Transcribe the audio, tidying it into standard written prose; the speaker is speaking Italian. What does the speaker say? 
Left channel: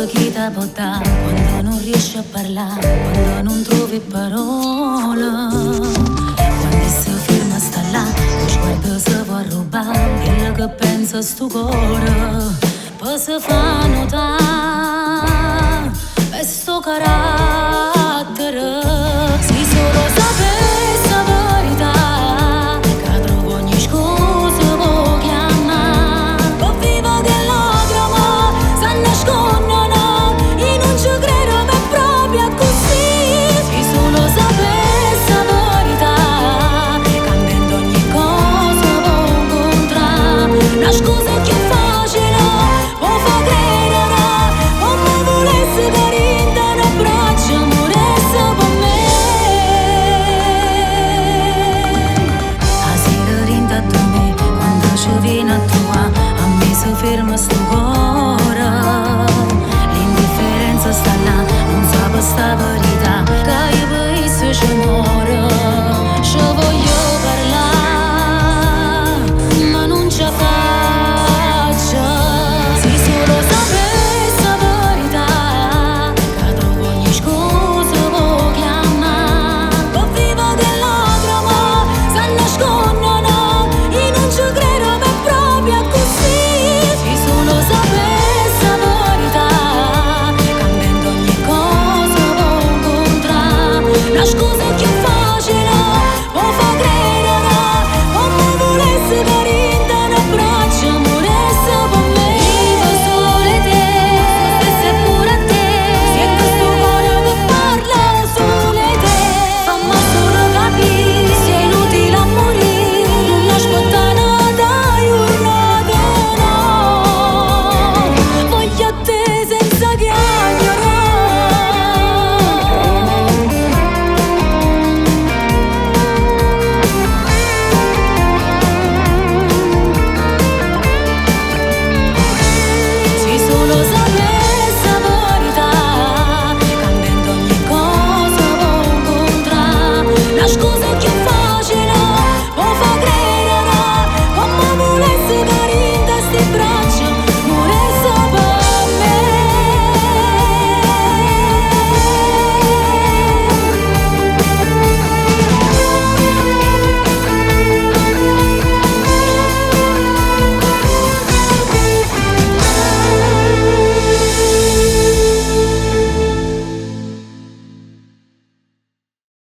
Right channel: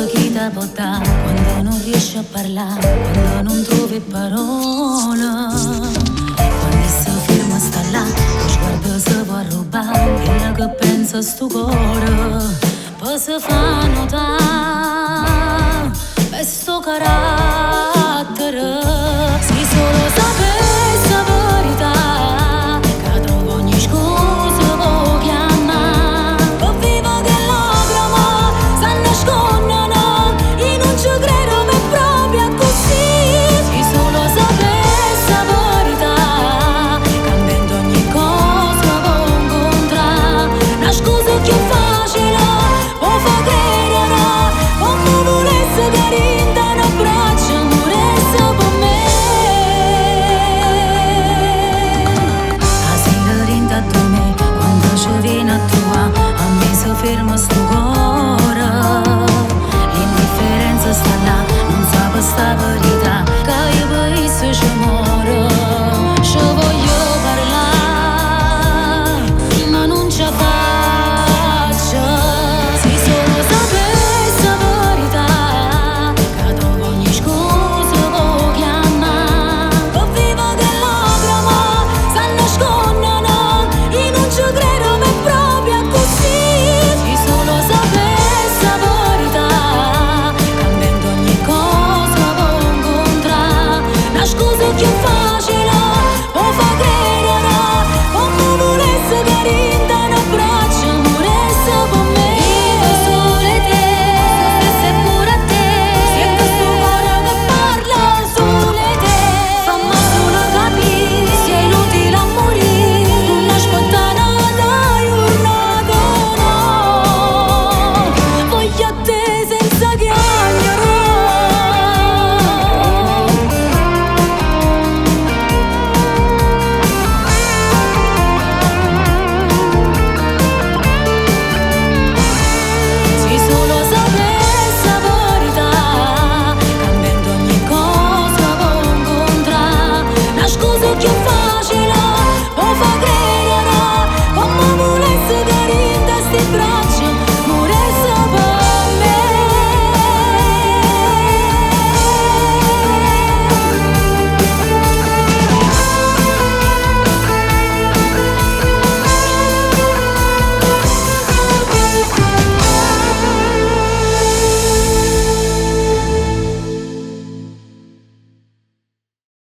Cerca chi ti può dare quando non riesci a parlare, quando non trovi parole. Quando si ferma sta là, lo sguardo si può rubare, quello che pensa sto cuore, poi si fa notare, per sto carattere. Se solo sapessi la verità, che trovo ogni scusa può chiamare, poi vivo che lacrime si nascondono, io non ci credo, ma è proprio così. Se solo sapessi la verità, cambiando ogni cosa può incontrare, una scusa più facile può far credere, come volesse carinta un abbraccio moresse per me. A sera rinta tu me, quando ci viene a trovare, a me si ferma sto cuore. L'indifferenza sta là, non sa per sta verità, che io poi se ci muore. Ci voglio parlare, ma non ci fa.